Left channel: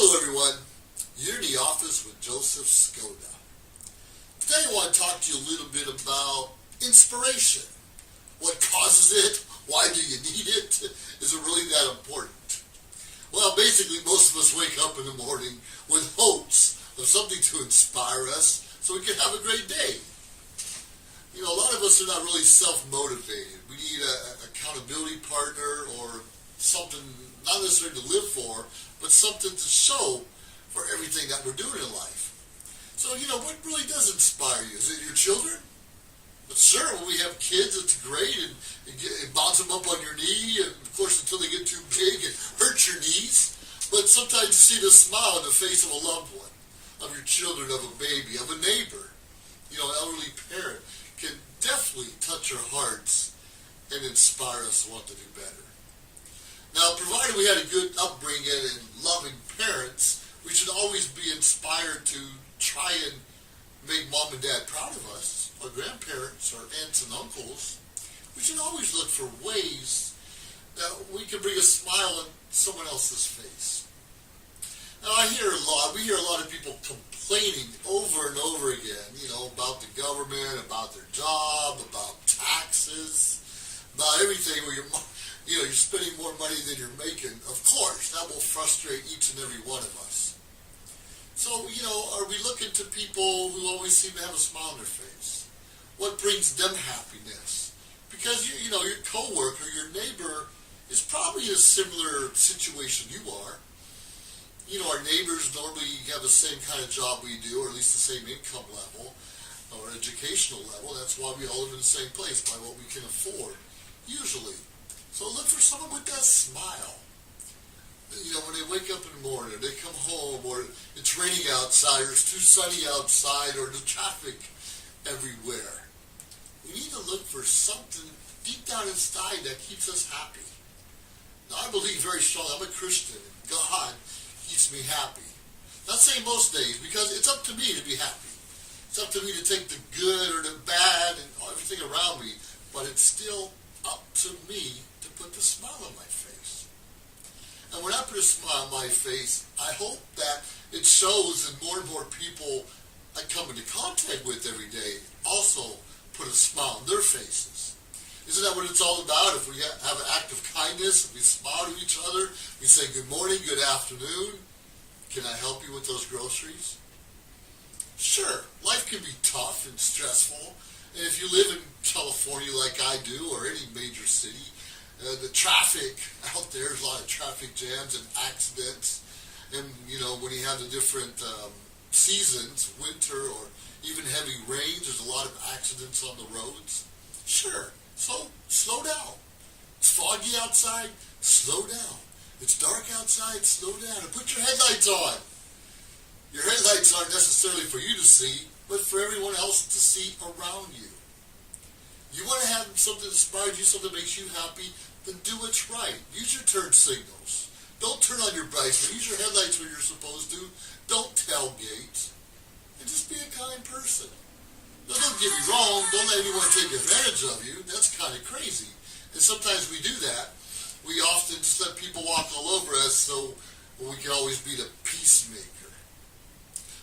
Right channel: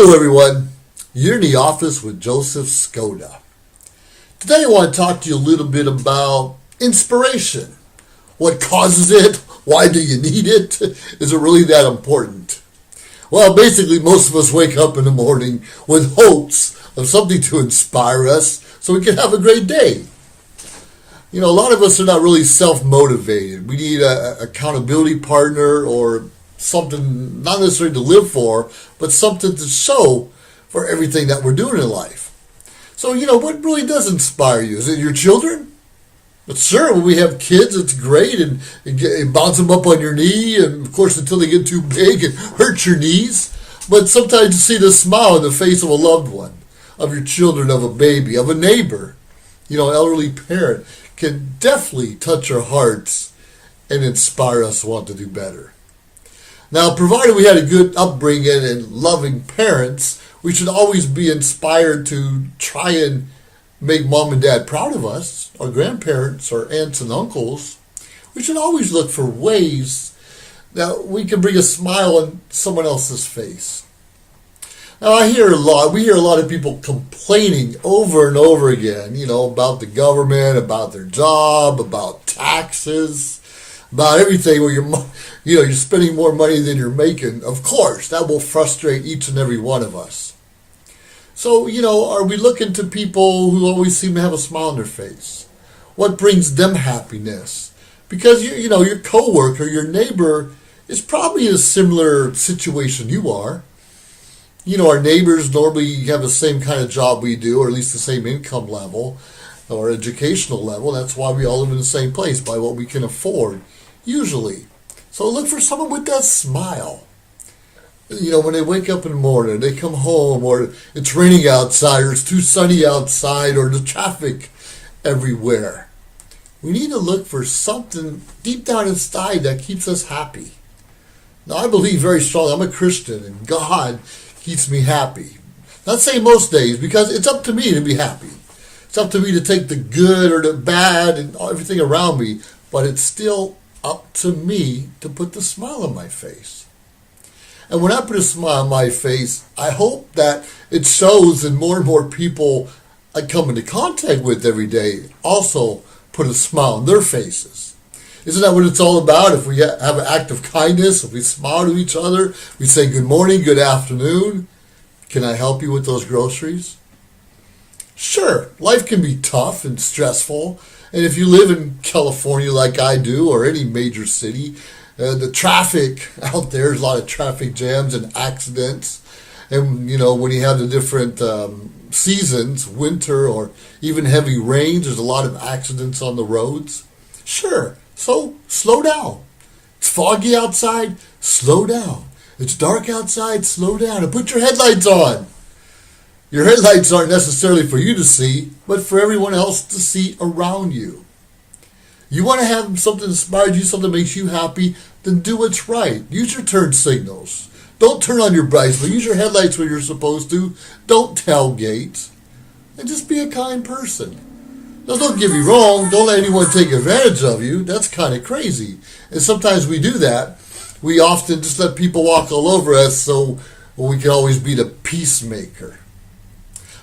Hello everyone, you're in the office with Joseph Skoda. Today I want to talk to you a little bit about inspiration. What causes it? Why do you need it? Is it really that important? Well, basically most of us wake up in the morning with hopes of something to inspire us so we can have a great day. You know, a lot of us are not really self-motivated. We need an accountability partner or something not necessarily to live for, but something to show for everything that we're doing in life. So, what really does inspire you? Is it your children? But sure, when we have kids, it's great, and bounce them up on your knee, and of course, until they get too big, it hurts your knees. But sometimes you see the smile on the face of a loved one, of your children, of a baby, of a neighbor, elderly parent, can definitely touch our hearts and inspire us to want to do better. Now, provided we had a good upbringing and loving parents, we should always be inspired to try and make mom and dad proud of us, our grandparents, our aunts and uncles. We should always look for ways that we can bring a smile on someone else's face. Now, we hear a lot of people complaining over and over again, about the government, about their job, about taxes, about everything where you're spending more money than you're making. Of course, that will frustrate each and every one of us. So, are we looking to people who always seem to have a smile on their face? What brings them happiness? Because, your coworker, your neighbor is probably in a similar situation you are. Our neighbors normally have the same kind of job we do, or at least the same income level or educational level. That's why we all live in the same place, by what we can afford, usually. So look for someone with that smile. When they wake up in the morning, they come home, or it's raining outside, or it's too sunny outside, or the traffic everywhere. We need to look for something deep down inside that keeps us happy. Now, I believe very strongly, I'm a Christian, and God keeps me happy. Not saying most days, because it's up to me to be happy. It's up to me to take the good or the bad and everything around me, but it's still up to me to put the smile on my face. And when I put a smile on my face, I hope that it shows, and more people I come into contact with every day also put a smile on their faces. Isn't that what it's all about? If we have an act of kindness, if we smile to each other, we say good morning, good afternoon, can I help you with those groceries? Sure, life can be tough and stressful, and if you live in California like I do, or any major city, the traffic out there, there's a lot of traffic jams and accidents, and when you have the different seasons, winter or even heavy rains, there's a lot of accidents on the roads. Sure, so slow down. It's foggy outside, slow down. It's dark outside, slow down, and put your headlights on. Your headlights aren't necessarily for you to see, but for everyone else to see around you. You want to have something inspire you, something that makes you happy, then do what's right. Use your turn signals. Don't turn on your brights, but use your headlights when you're supposed to. Don't tailgate. And just be a kind person. Now, don't get me wrong. Don't let anyone take advantage of you. That's kind of crazy. And sometimes we do that. We often just let people walk all over us so we can always be the peacemaker.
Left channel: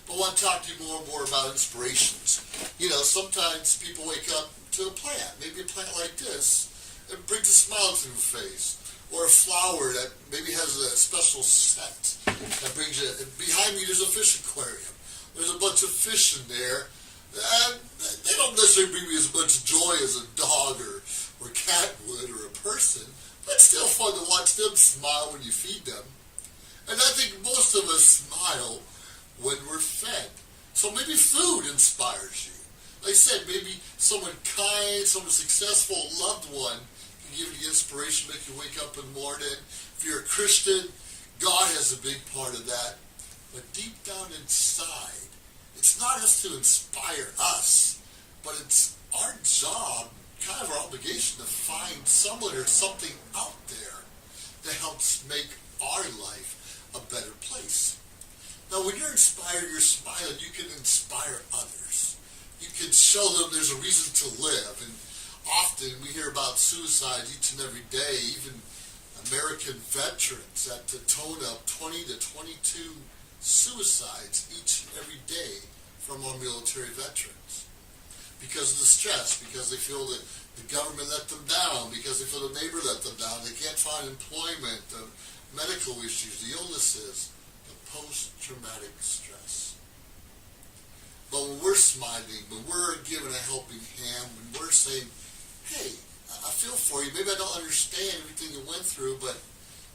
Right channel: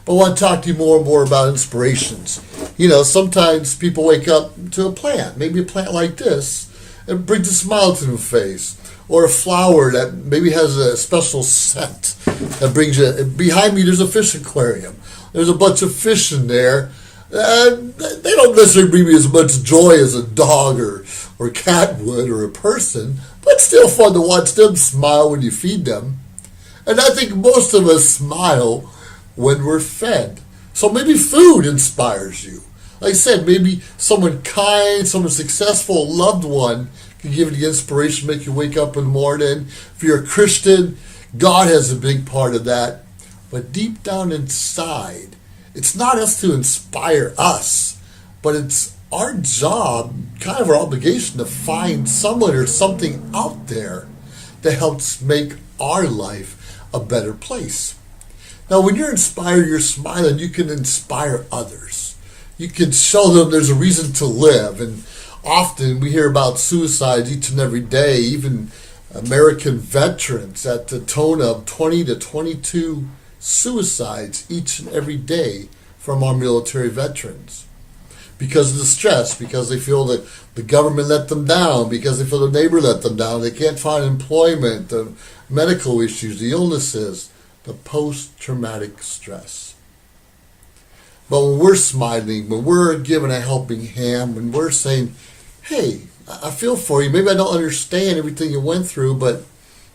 But I want to talk to you more and more about inspirations. Sometimes people wake up to a plant, maybe a plant like this, and brings a smile to their face. Or a flower that maybe has a special scent that brings you. Behind me, there's a fish aquarium. There's a bunch of fish in there. They don't necessarily bring me as much joy as a dog or cat would, or a person, but it's still fun to watch them smile when you feed them. And I think most of us smile when we're fed. So maybe food inspires you. Like I said, maybe someone kind, someone successful, a loved one can give you the inspiration, make you wake up in the morning. If you're a Christian, God has a big part of that. But deep down inside, it's not us to inspire us, but it's our job, kind of our obligation, to find someone or something out there that helps make our life a better place. Now, when you're inspired, you're smiling, you can inspire others. You can show them there's a reason to live. And often we hear about suicides each and every day, even American veterans at the tone of 20 to 22 suicides each and every day from our military veterans. Because of the stress, because they feel that the government let them down, because they feel the neighbor let them down, they can't find employment, the medical issues, the illnesses, the post-traumatic stress. But when we're smiling, when we're giving a helping hand, when we're saying, hey, I feel for you, maybe I don't understand everything you went through, but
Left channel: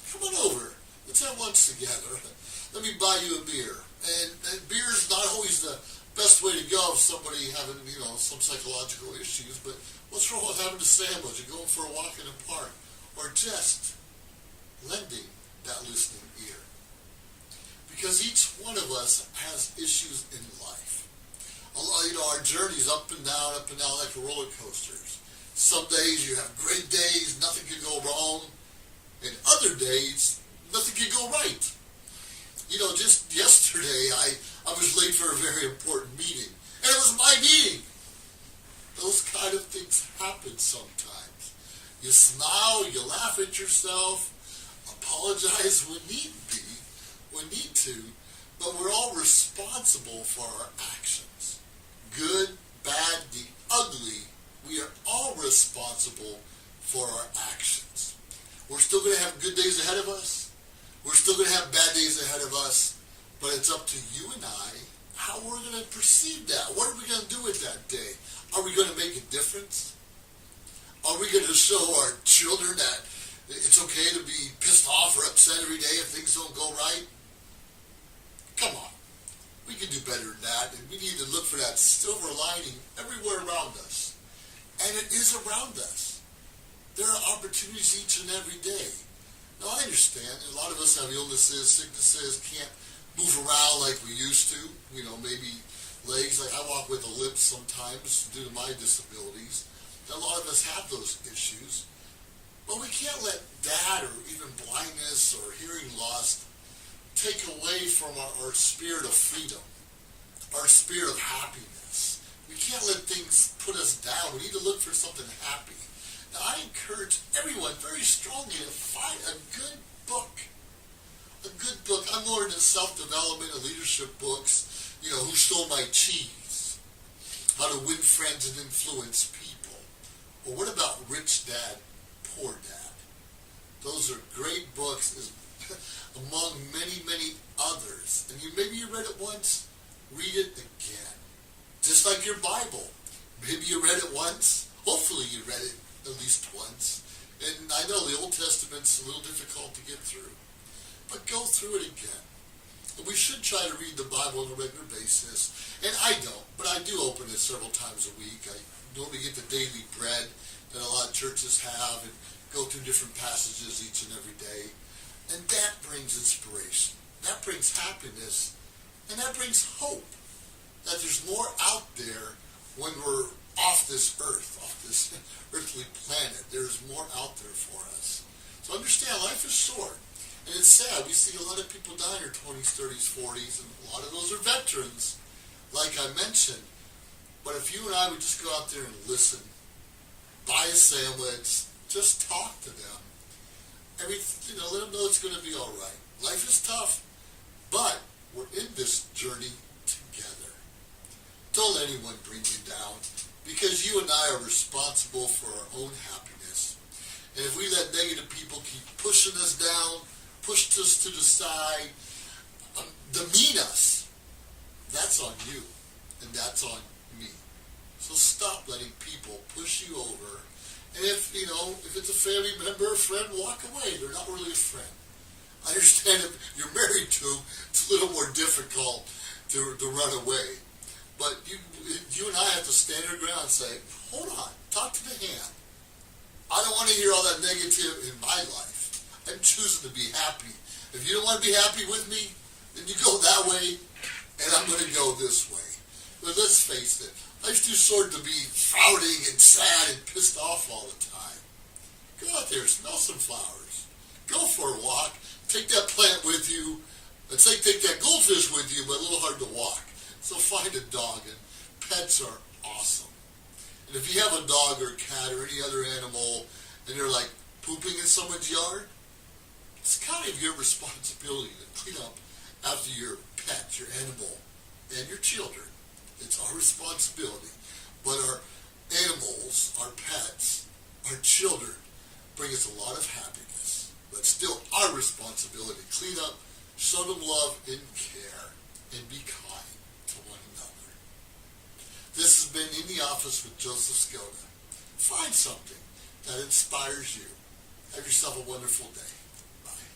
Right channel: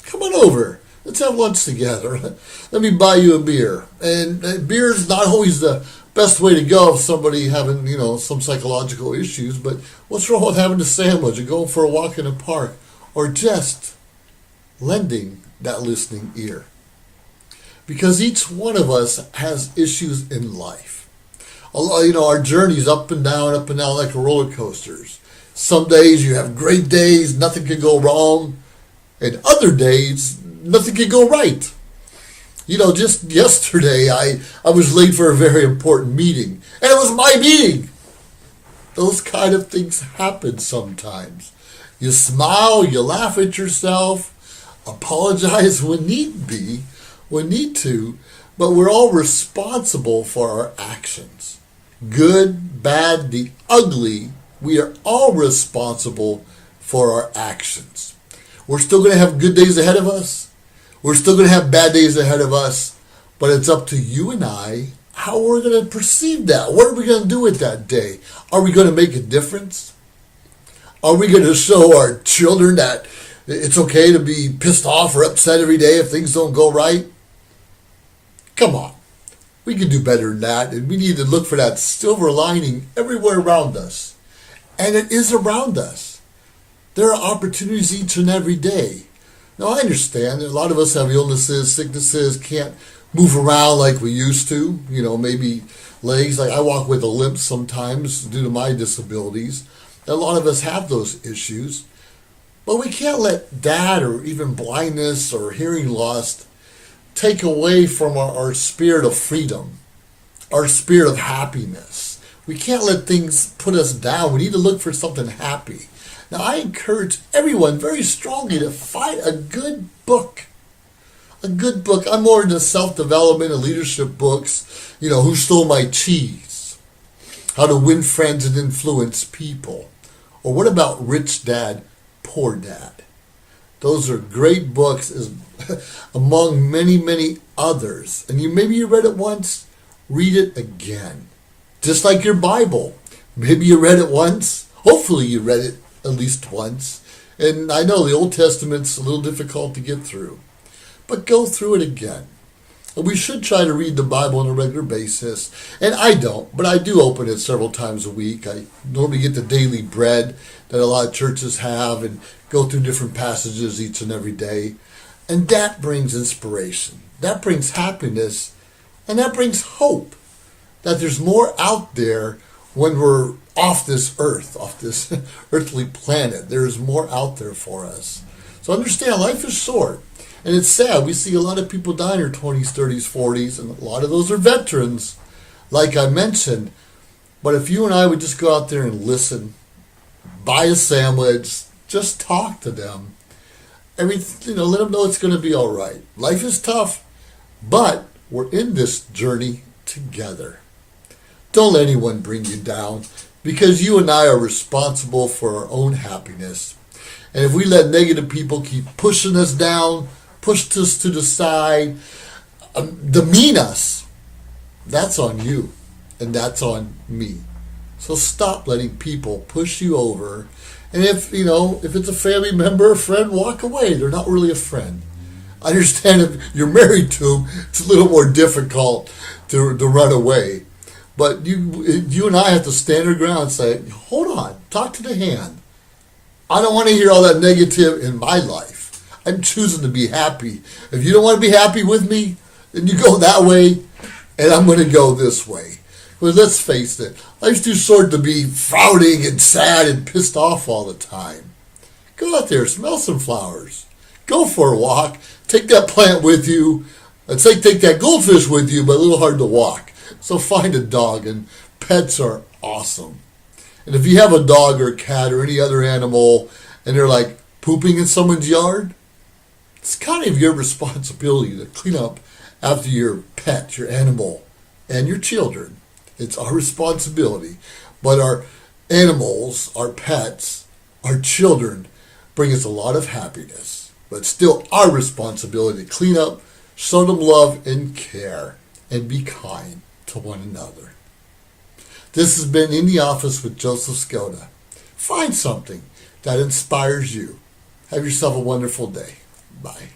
come on over. Let's have lunch together. Let me buy you a beer. And beer is not always the best way to go if somebody having, some psychological issues, but what's wrong with having a sandwich or going for a walk in the park or just lending that listening ear? Because each one of us has issues in life. Our journey's up and down like roller coasters. Some days you have great days, nothing can go wrong, and other days, nothing can go right. Just yesterday, I was late for a very important meeting, and it was my meeting. Those kind of things happen sometimes. You smile, you laugh at yourself, apologize when need be, when need to, but we're all responsible for our actions. Good, bad, the ugly, we are all responsible for our actions. We're still going to have good days ahead of us. We're still going to have bad days ahead of us, but it's up to you and I how we're going to perceive that. What are we going to do with that day? Are we going to make a difference? Are we going to show our children that it's okay to be pissed off or upset every day if things don't go right? Come on. We can do better than that, and we need to look for that silver lining everywhere around us. And it is around us. There are opportunities each and every day. Now, I understand that a lot of us have illnesses, sicknesses, can't move around like we used to. Maybe legs. Like I walk with a limp sometimes due to my disabilities. A lot of us have those issues. But we can't let that or even blindness or hearing loss take away from our spirit of freedom, our spirit of happiness. We can't let things put us down. We need to look for something happy. Now, I encourage everyone very strongly to find a good book. A good book. I'm more into self-development and leadership books. Who Stole My Cheese? How to Win Friends and Influence People. Or what about Rich Dad, Poor Dad? Those are great books among many, many others. And maybe you read it once, read it again. Just like your Bible. Maybe you read it once. Hopefully you read it at least once. And I know the Old Testament's a little difficult to get through. But go through it again. And we should try to read the Bible on a regular basis. And I don't, but I do open it several times a week. I normally get the daily bread that a lot of churches have and go through different passages each and every day. And that brings inspiration. That brings happiness. And that brings hope that there's more out there when we're off this earth, off this earthly planet. There's more out there for us. So understand, life is short. And it's sad. We see a lot of people die in their 20s, 30s, 40s, and a lot of those are veterans, like I mentioned. But if you and I would just go out there and listen, buy a sandwich, just talk to them, let them know it's going to be all right. Life is tough, but we're in this journey together. Don't let anyone bring you down, because you and I are responsible for our own happiness. And if we let negative people keep pushing us down, push us to the side, demean us, that's on you, and that's on me. So stop letting people push you over. And if it's a family member, a friend, walk away. They're not really a friend. I understand if you're married to them, it's a little more difficult to run away. But you and I have to stand our ground and say, hold on, talk to the hand. I don't want to hear all that negative in my life. I'm choosing to be happy. If you don't want to be happy with me, then you go that way, and I'm going to go this way. But let's face it, life's too short to be frowning and sad and pissed off all the time. Go out there, smell some flowers. Go for a walk. Take that plant with you. I'd say take that goldfish with you, but a little hard to walk. So find a dog, and pets are awesome. And if you have a dog or a cat or any other animal, and they're like pooping in someone's yard, It's kind of your responsibility to clean up after your pet, your animal, and your children. It's our responsibility. But our animals, our pets, our children bring us a lot of happiness. But it's still our responsibility to clean up, show them love and care, and be kind to one another. This has been In the Office with Joseph Skoda. Find something that inspires you. Have yourself a wonderful day. Bye.